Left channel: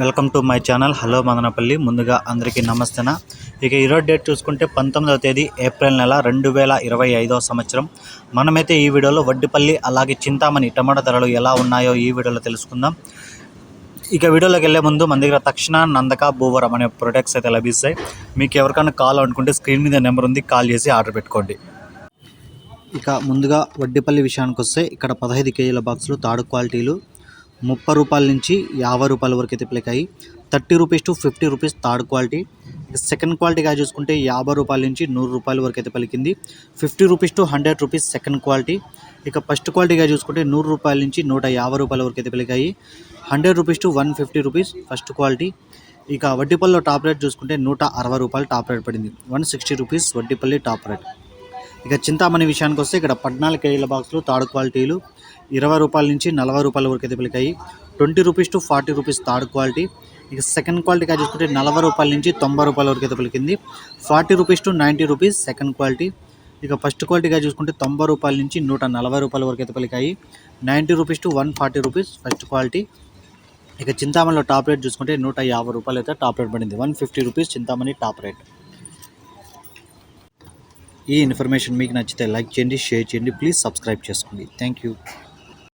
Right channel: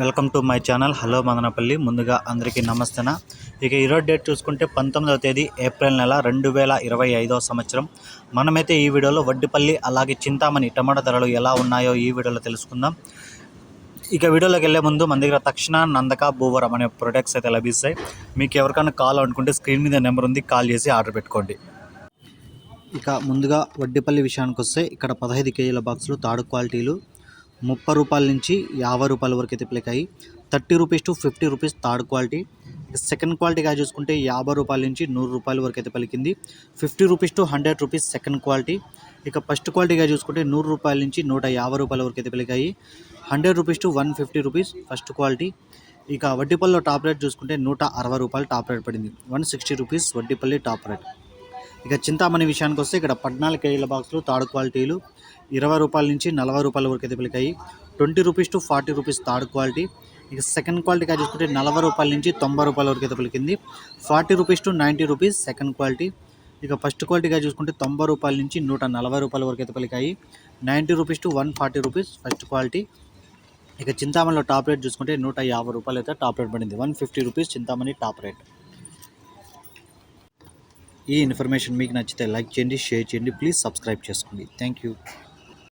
Welcome to my channel. Hello Madanapalli. ముందుగా అందరికీ నమస్తేనా. ఇక ఈరోజు డేట్ చూసుకుంటే పంతొమ్మిదవ తేదీ ఏప్రిల్ నెల రెండు వేల ఇరవై ఐదవ సంవత్సరం. మనమైతే ఈ వీడియోలో వడ్డిపల్లి అలాగే చింతామణి టమాటా ధరలు ఎలా ఉన్నాయో ఈ వీడియోలో తెలుసుకుందాం. ఇక వీడియోలోకి వెళ్ళే ముందు మన దగ్గర తక్షణ నందక భూవరం అనే ప్రొడక్ట్స్ అయితే లభిస్తాయి. మీకు ఎవరికైనా కాల్ అనుకుంటే స్క్రీన్ మీద నెంబర్ ఉంది కాల్ చేసి ఆర్డర్ పెట్టుకోండి. ఇక ముందుగా వడ్డిపల్లి విషయానికి వస్తే ఇక్కడ పదహైదు కేజీల బాక్సులు తాడు క్వాలిటీలు ముప్పై రూపాయల నుంచి యాభై రూపాయల వరకు అయితే పిలకాయి thirty rupees to fifty rupees third quality. Second క్వాలిటీగా చూసుకుంటే యాభై రూపాయల నుంచి నూరు రూపాయల వరకు అయితే పలికింది. Fifty rupees to hundred rupees second quality. ఇక ఫస్ట్ క్వాలిటీగా చూసుకుంటే నూరు రూపాయల నుంచి నూట యాభై రూపాయల వరకు అయితే పిలికాయి hundred rupees to one fifty rupees first quality. ఇక వడ్డీపల్లిలో టాప్ రేట్ చూసుకుంటే నూట అరవై రూపాయలు టాప్ రేట్ పడింది. One sixty rupees Vaddipalli top rate. ఇక చింతామణి విషయానికి వస్తే ఇక్కడ పద్నాలుగు కేజీల బాక్సులు థర్డ్ క్వాలిటీలు. ఇరవై రూపాయల నుంచి నలభై రూపాయల వరకు అయితే పిలికాయి. Twenty rupees to forty rupees third quality. ఇక సెకండ్ క్వాలిటీగా చూసుకుంటే నలభై రూపాయల నుంచి తొంభై రూపాయల వరకు అయితే పలికింది. Forty rupees to ninety rupees second quality. ఇక ఫస్ట్ క్వాలిటీగా చూసుకుంటే తొంభై రూపాయల నుంచి నూట నలభై రూపాయల వరకు అయితే పలికాయి. Ninety rupees to one forty rupees first quality. ఇక చింతామణిలో టాప్ రేట్ చూసుకుంటే నూట యాభై రూపాయలు అయితే టాప్ రేట్ పడింది. One fifty rupees Chintamani top rate. ఈ ఇన్ఫర్మేషన్ మీకు నచ్చితే లైక్ చేయండి షేర్ చేయండి ప్లీజ్ సబ్స్క్రైబ్ చేసుకోండి. Thank you.